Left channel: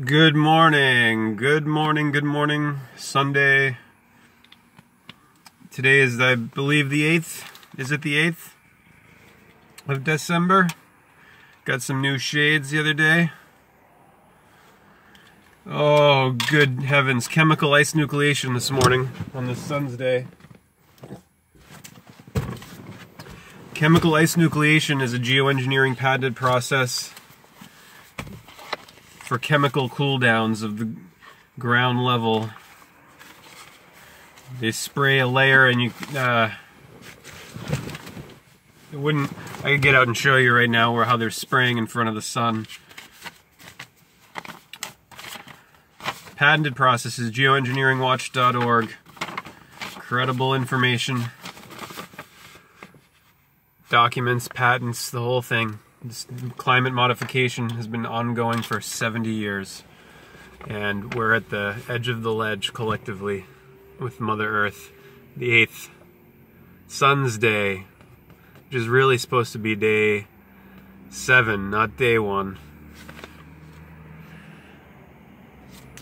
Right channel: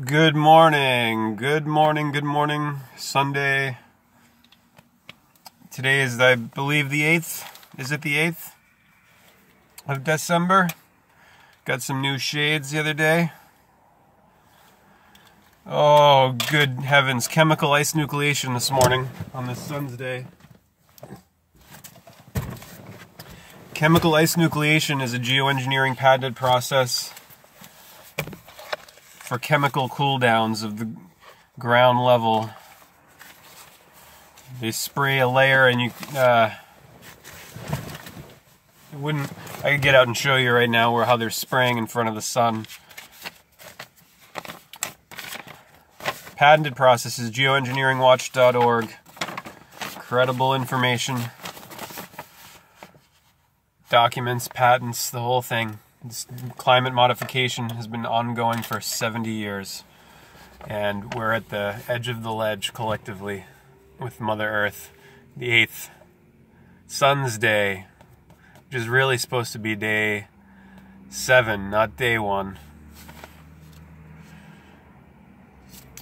Good morning, good morning, good morning. Sunday. Today is, I believe, the 8th. Is it the 8th of December? Got some new shades the other day. Oh, good heavens. Chemical ice nucleation this morning on the sun's day. Chemical ice nucleation is a geoengineering patented process for chemical cooldowns of the ground level. They spray a layer and you I could get out and show you right now how they're spraying in front of the sun. Patented process is geoengineeringwatch.org. Credible information. Documents, patents, the whole thing. This climate modification has been ongoing for 70 years. And we're at the edge of the ledge collectively with Mother Earth. The 8th, Sun's Day, which is really supposed to be day 7, not day 1.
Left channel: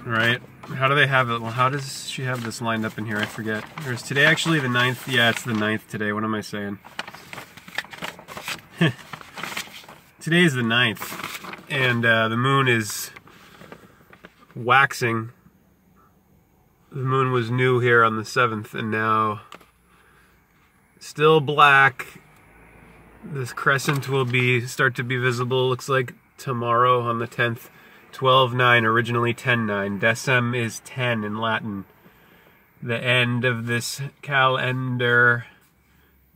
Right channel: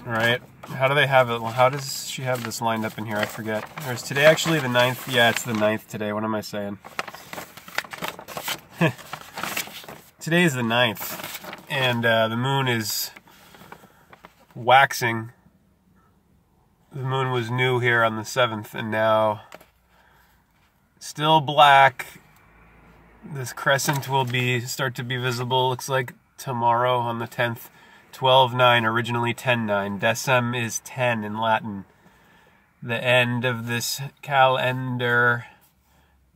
Alright, how do they have it? Well, how does she have this lined up in here? I forget. There's today actually the 9th. Yeah, it's the 9th today. What am I saying? Today is the 9th, and the moon is waxing. The moon was new here on the 7th, and now still black. This crescent will start to be visible, looks like tomorrow on the 10th. 12-9, originally 10-9. Decem is 10 in Latin. The end of this calendar,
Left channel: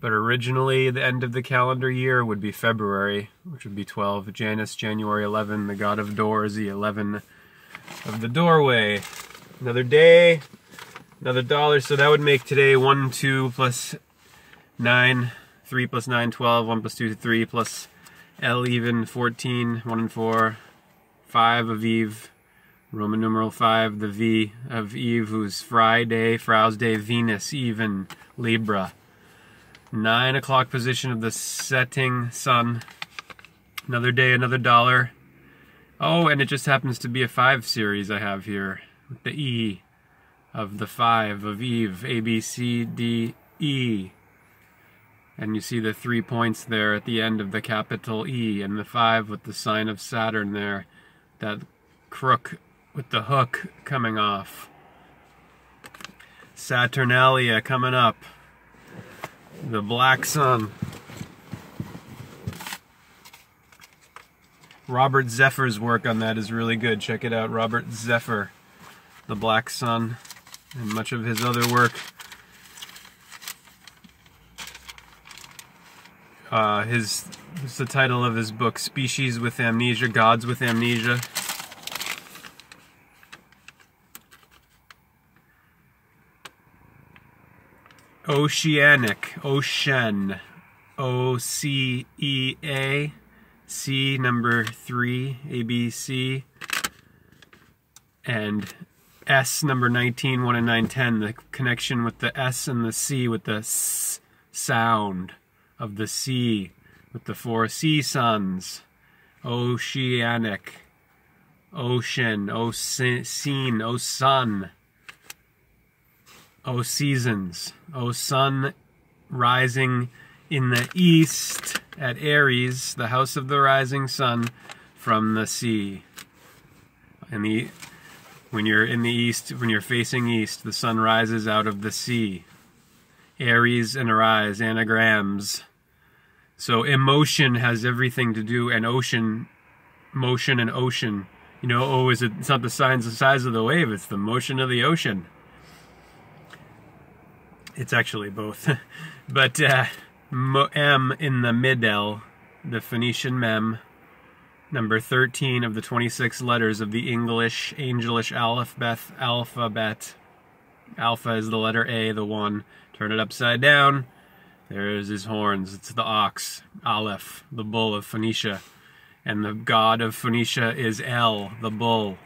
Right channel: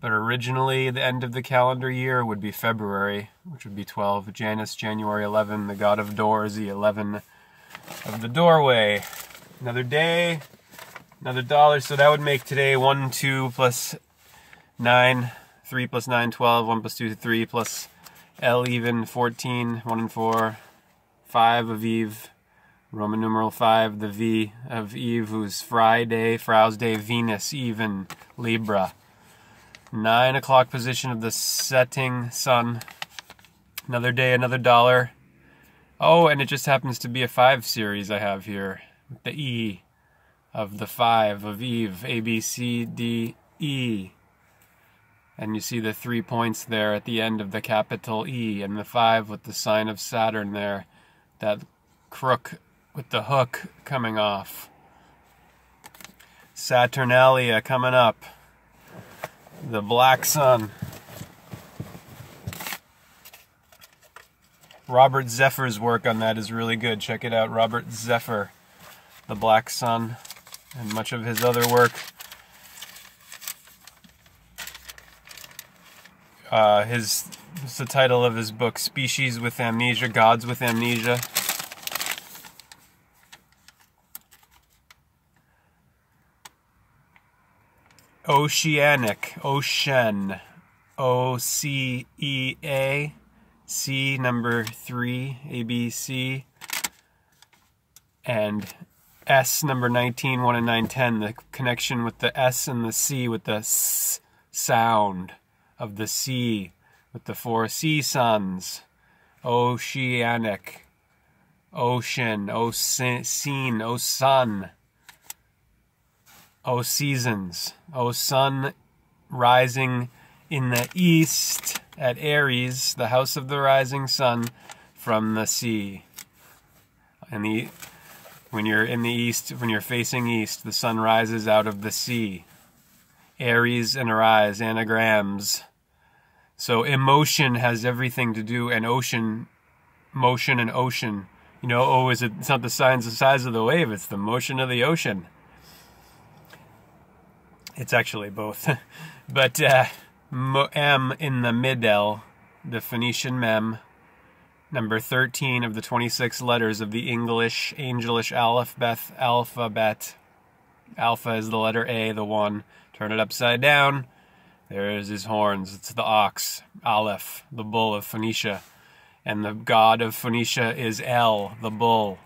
but originally the end of the calendar year would be February, which would be 12. Janus, January 11, the god of doors, the 11 of the doorway. Another day, another dollar, so that would make today 1, 2 plus 9, 3 plus 9, 12, 1 plus 2, 3 plus L even, 14, 1 and 4, 5 of Eve, Roman numeral 5, the V of Eve, who's Friday, Frau's Day, Venus, even, Libra. 9 o'clock position of the setting sun. Another day, another dollar. Oh, and it just happens to be a 5 series I have here. With the E of the 5 of Eve. A, B, C, D, E. And you see the 3 points there at the end of the capital E. And the 5 with the sign of Saturn there. That crook with the hook coming off. Saturnalia coming up. The black sun. Robert Zephyr's work on that is really good. Check it out, Robert Zephyr. The black sun, and much of his other work. It's the title of his book, Species with Amnesia, Gods with Amnesia. Oceanic, ocean, O-C-E-A, C number 3, A-B-C, and S number 19, 1 and 9, 10, the connection with the S and the C with the S sound of the sea, with the 4 sea suns. Oceanic, ocean, scene, O sun. O seasons, O sun rising in the east at Aries, the house of the rising sun from the sea. And when you're in the east, when you're facing east, the sun rises out of the sea. Aries and Arise, anagrams. So emotion has everything to do, and ocean, motion and ocean. You know, it's not the size of the wave, it's the motion of the ocean. It's actually both. But M in the middle, the Phoenician mem, number 13 of the 26 letters of the English angelish alphabet. Alpha is the letter A, the 1. Turn it upside down. There's his horns. It's the ox, Aleph, the bull of Phoenicia. And the god of Phoenicia is El, the bull.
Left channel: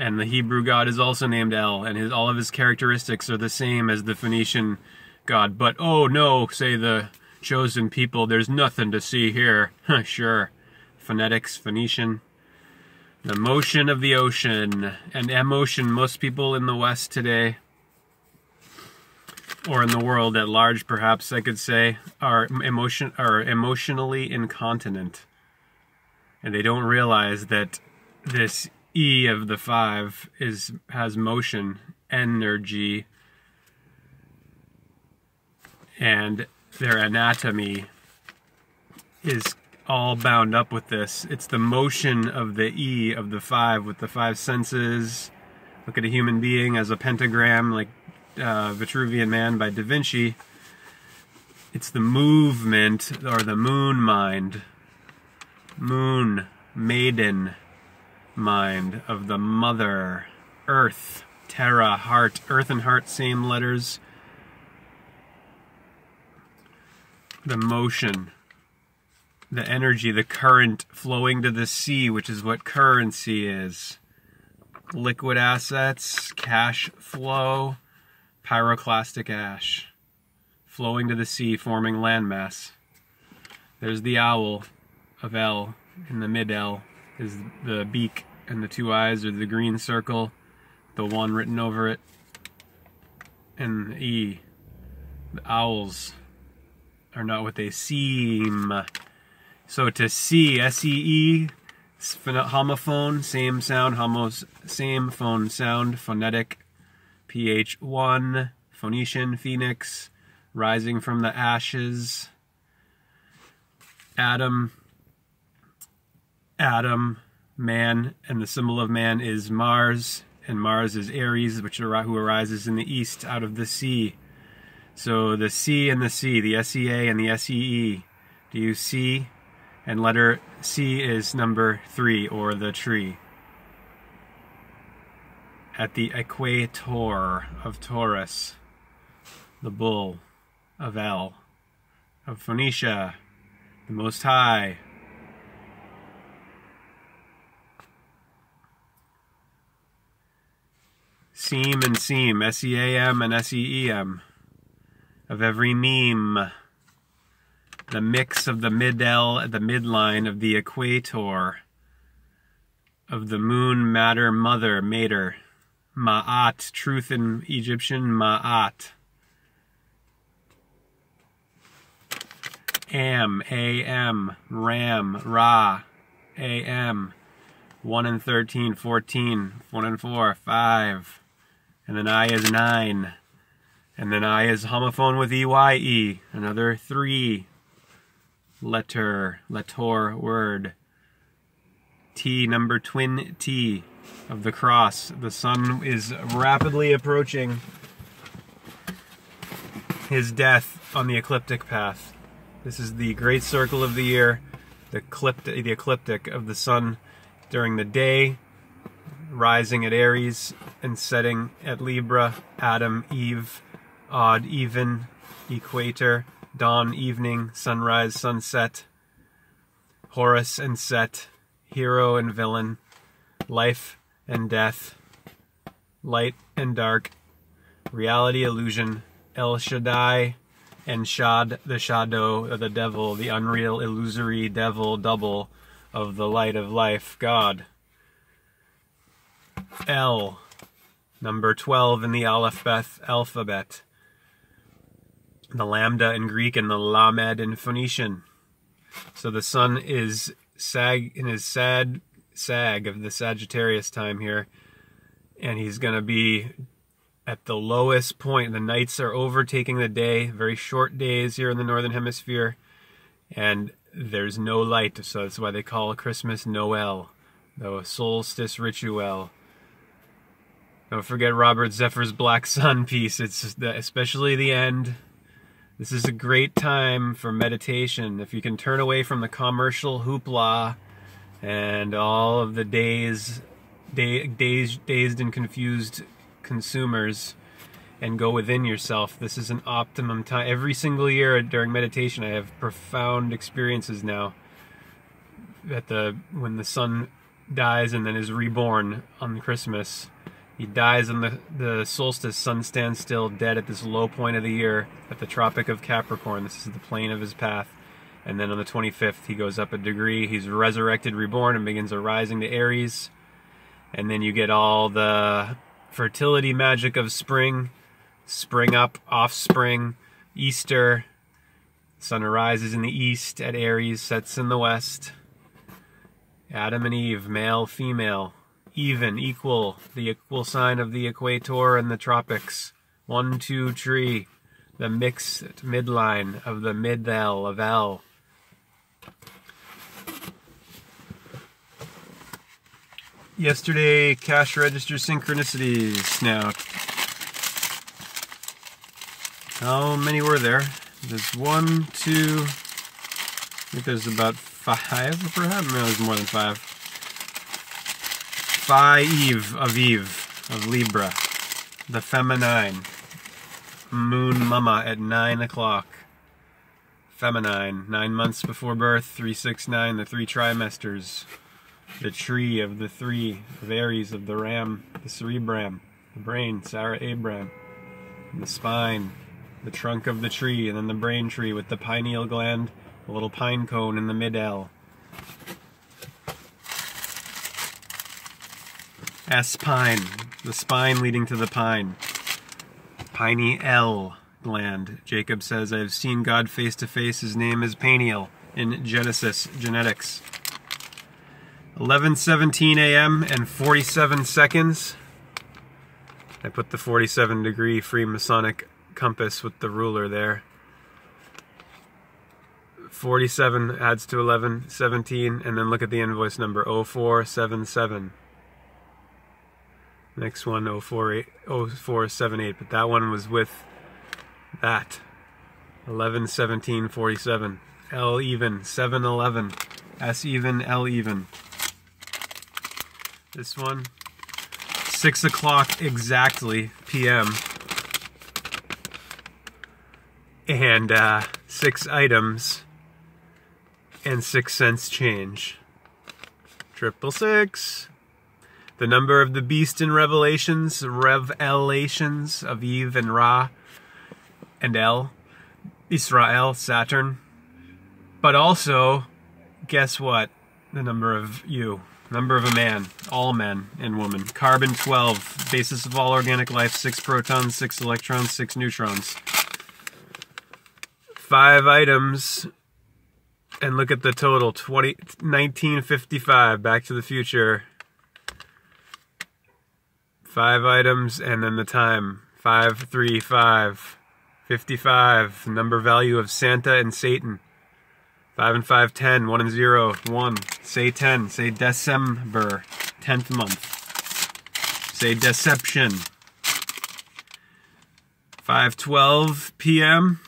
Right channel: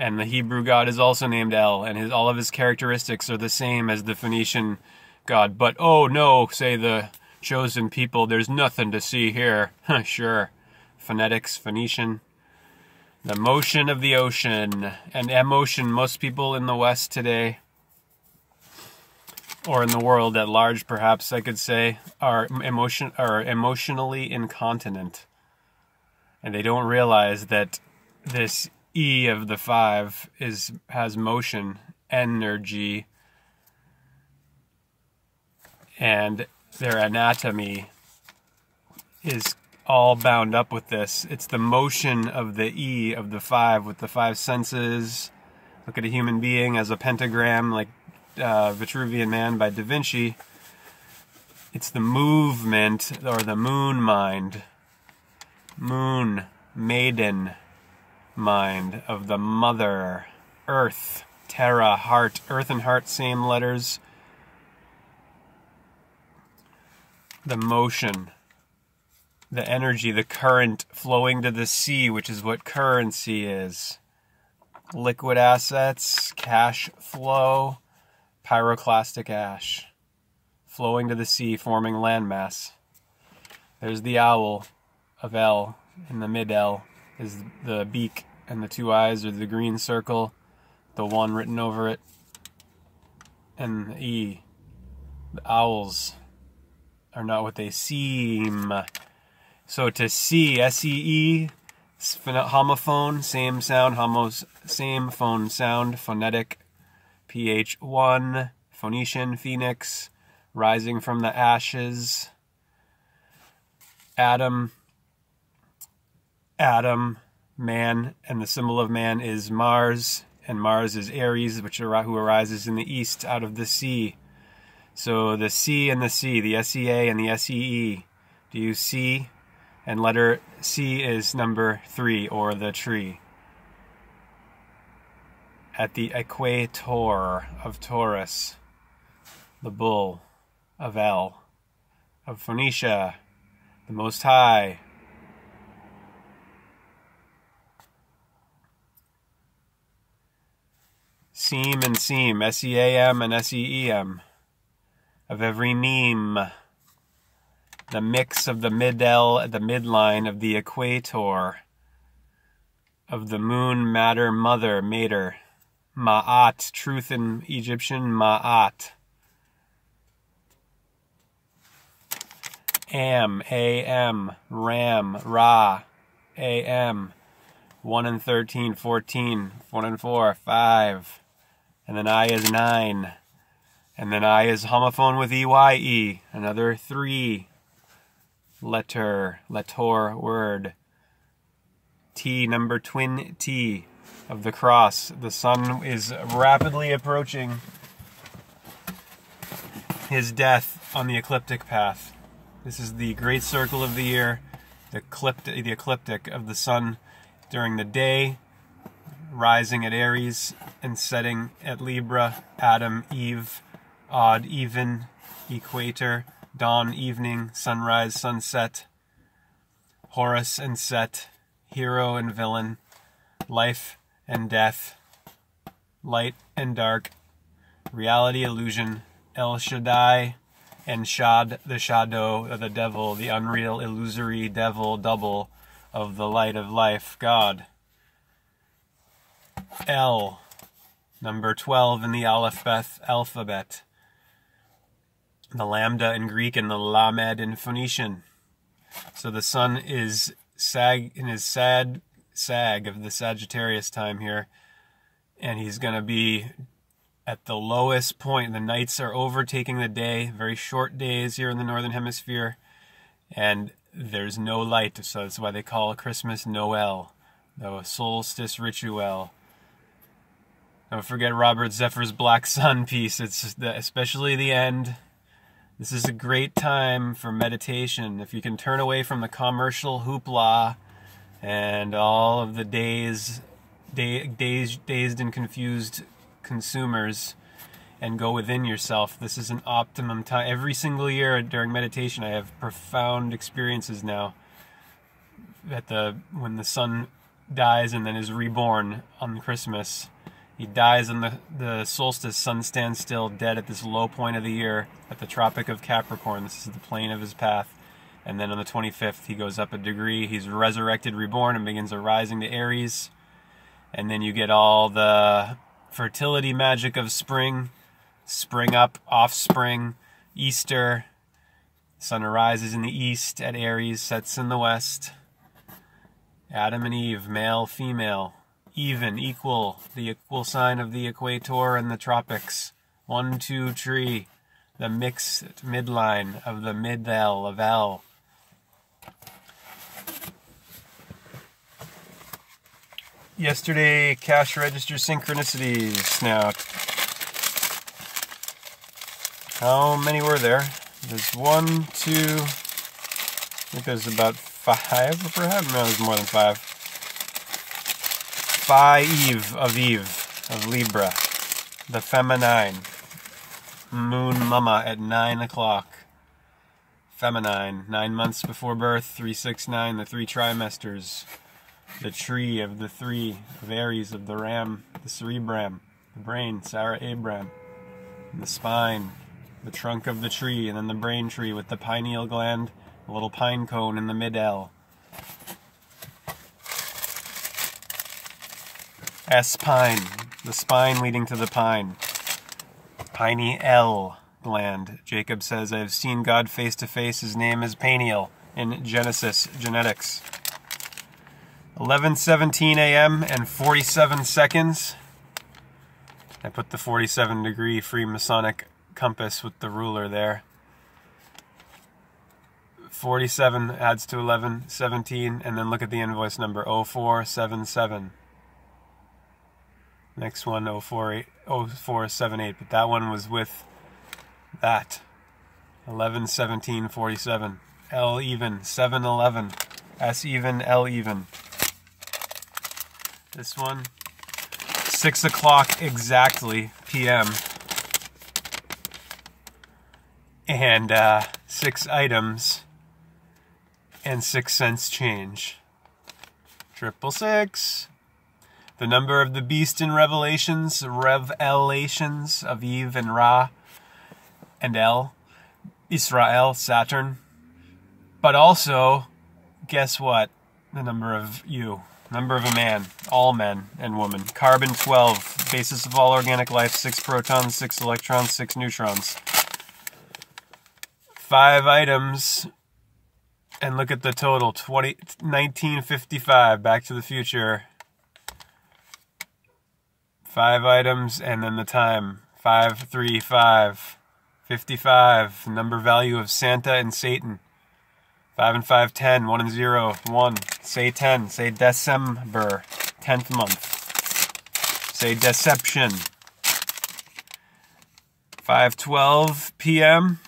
And the Hebrew god is also named El, and all of his characteristics are the same as the Phoenician god. But, oh no, say the chosen people, there's nothing to see here. Sure. Phonetics, Phoenician. The motion of the ocean. And emotion, most people in the West today, or in the world at large perhaps I could say, are emotionally incontinent. And they don't realize that this E of the 5 has motion, energy, and their anatomy is all bound up with this. It's the motion of the E of the 5 with the 5 senses. Look at a human being as a pentagram, like Vitruvian Man by Da Vinci. It's the movement, or the moon mind. Moon, maiden mind of the mother, earth, terra, heart. Earth and heart, same letters. The motion, the energy, the current flowing to the sea, which is what currency is. Liquid assets, cash flow, pyroclastic ash, flowing to the sea, forming landmass. There's the owl of L, in the mid-L is the beak, and the 2 eyes are the green circle, the 1 written over it, and the E. The owls are not what they seem. So to see, S-E-E, homophone, same sound, same phone sound, phonetic, PH1, Phoenician, phoenix, rising from the ashes, Adam, man, and the symbol of man is Mars, and Mars is Aries, who arises in the east out of the sea. So the C and the C, the S-E-A and the S-E-E. Do you see? And letter C is number 3, or the tree. At the equator of Taurus, the bull of El, of Phoenicia, the Most High. Seam and seam, S-E-A-M and S-E-E-M, of every meme. The mix of the mid-L, the midline of the equator, of the moon, matter, mother, mater. Ma'at, truth in Egyptian, Ma'at. Am, A-M, Ram, Ra, A-M. 1 and 13, 14, 1 and 4, 5. And then I is 9. And then I is homophone with E-Y-E, another 3. Letter, word. T, number twin T of the cross. The sun is rapidly approaching his death on the ecliptic path. This is the great circle of the year, the ecliptic of the sun during the day, rising at Aries and setting at Libra, Adam, Eve, odd, even, equator, dawn, evening, sunrise, sunset, Horus and Set, hero and villain, life and death, light and dark, reality, illusion, El Shaddai, and Shad, the shadow of the devil, the unreal, illusory devil, double of the light of life, God. L, number 12 in the alphabet. The lambda in Greek and the lamed in Phoenician. So the sun is in his sad sag of the Sagittarius time here, and he's going to be at the lowest point. The nights are overtaking the day, very short days here in the Northern Hemisphere, and there's no light, so that's why they call Christmas Noel, the solstice ritual. Don't forget Robert Zephyr's Black Sun piece. It's especially the end. This is a great time for meditation. If you can turn away from the commercial hoopla and all of the dazed and confused consumers and go within yourself, this is an optimum time. Every single year during meditation, I have profound experiences now when the sun dies and then is reborn on Christmas. He dies on the solstice, sun stands still, dead at this low point of the year, at the Tropic of Capricorn. This is the plane of his path. And then on the 25th, he goes up a degree. He's resurrected, reborn, and begins a rising to Aries. And then you get all the fertility magic of spring. Spring up, offspring, Easter. Sun arises in the east at Aries, sets in the west. Adam and Eve, male, female, even, equal, the equal sign of the equator and the tropics. 1, 2 tree, the mixed midline of the mid-L of L. Yesterday, cash register synchronicities. Now, how many were there? There's 1, 2, I think there's about 5, perhaps? No, there's more than 5. Eve of Libra, the feminine. Moon Mama at 9 o'clock. Feminine, 9 months before birth, 369, the 3 trimesters. The tree of the 3 of Aries, of the ram, the cerebram, the brain, Sarah Abraham, the spine, the trunk of the tree, and then the brain tree with the pineal gland, a little pine cone in the mid-L. S-pine, the spine leading to the pine. Piney L gland. Jacob says, I have seen God face to face. His name is Peniel in Genesis Genetics. 11:17 a.m. and 47 seconds. I put the 47-degree Freemasonic compass with the ruler there. 47 adds to 11, 17, and then look at the invoice number 0477. Next one 0478, but that one was with that. 11:17:47. L even, 7:11. S even, L even. This one, 6 o'clock exactly p.m. and 6 items and 6 cents change. 666. The number of the beast in Revelations of Eve and Ra and El, Israel, Saturn. But also, guess what? The number of you. Number of a man, all men and women. Carbon 12, basis of all organic life, 6 protons, 6 electrons, 6 neutrons. 5 items, and look at the total, 1955, Back to the Future. 5 items, and then the time, 535, 55, the number value of Santa and Satan. 5 and 5, 10, 1 and 0, 1. Say 10, say Dec-ember, 10th month. Say deception. 5:12 p.m.,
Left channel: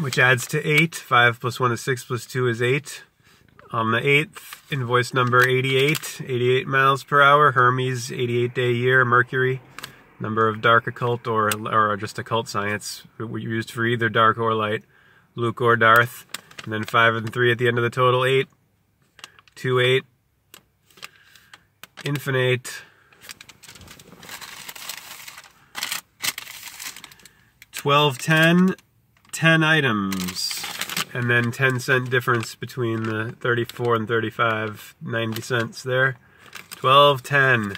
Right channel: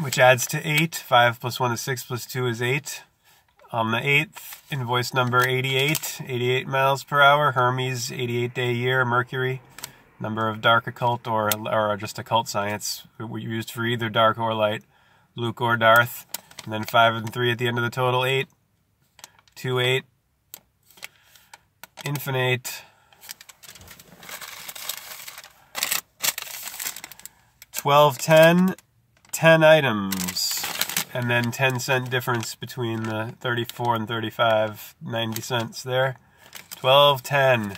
which adds to 8. 5 plus 1 is 6 plus 2 is 8. On the 8th, invoice number 88, 88 miles per hour, Hermes, 88-day year, Mercury. Number of dark occult or just occult science, used for either dark or light, Luke or Darth. And then 5 and 3 at the end of the total, 8. 2, 8. Infinite. 12, 10. 10 items. And then 10-cent difference between the 34 and 35, 90 cents there. 12, 10.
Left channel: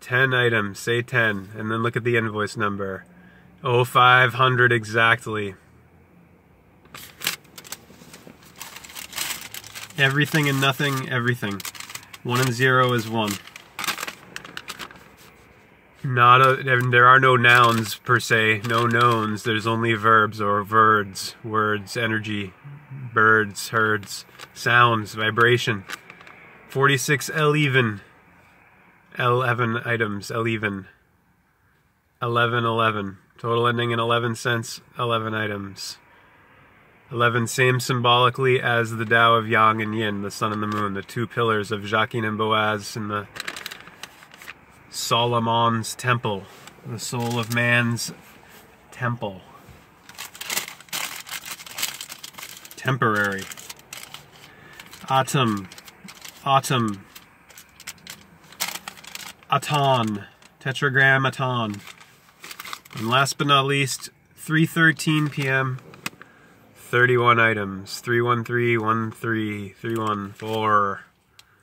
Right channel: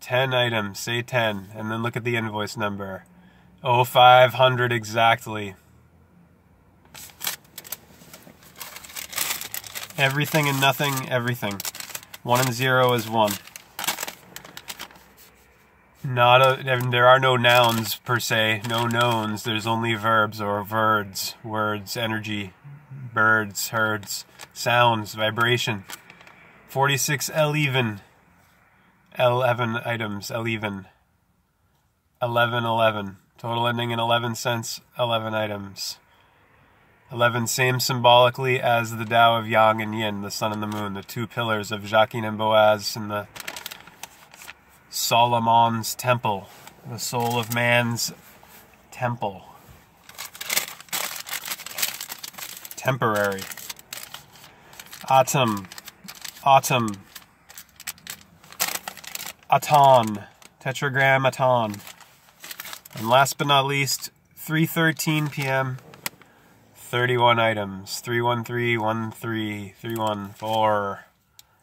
10 items, say 10. And then look at the invoice number. 0500 exactly. Everything and nothing, everything. 1 and 0 is 1. There are no nouns per se, no knowns. There's only verbs or words, energy, birds, herds, sounds, vibration. 46 L even. 11 items, L even. 11. Total ending in 11 cents, 11 items. 11, same symbolically as the Tao of Yang and Yin, the sun and the moon, the 2 pillars of Jachin and Boaz in the Solomon's temple, the soul of man's temple. Temporary. Autumn. Aton. Tetragram Aton. And last but not least, 3:13 p.m., 31 items. 31313 314.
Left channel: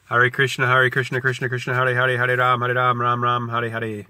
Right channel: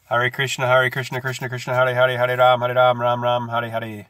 Hare Krishna, Krishna Krishna, Hare Hare, Hare Ram, Ram Ram, Hare Hare.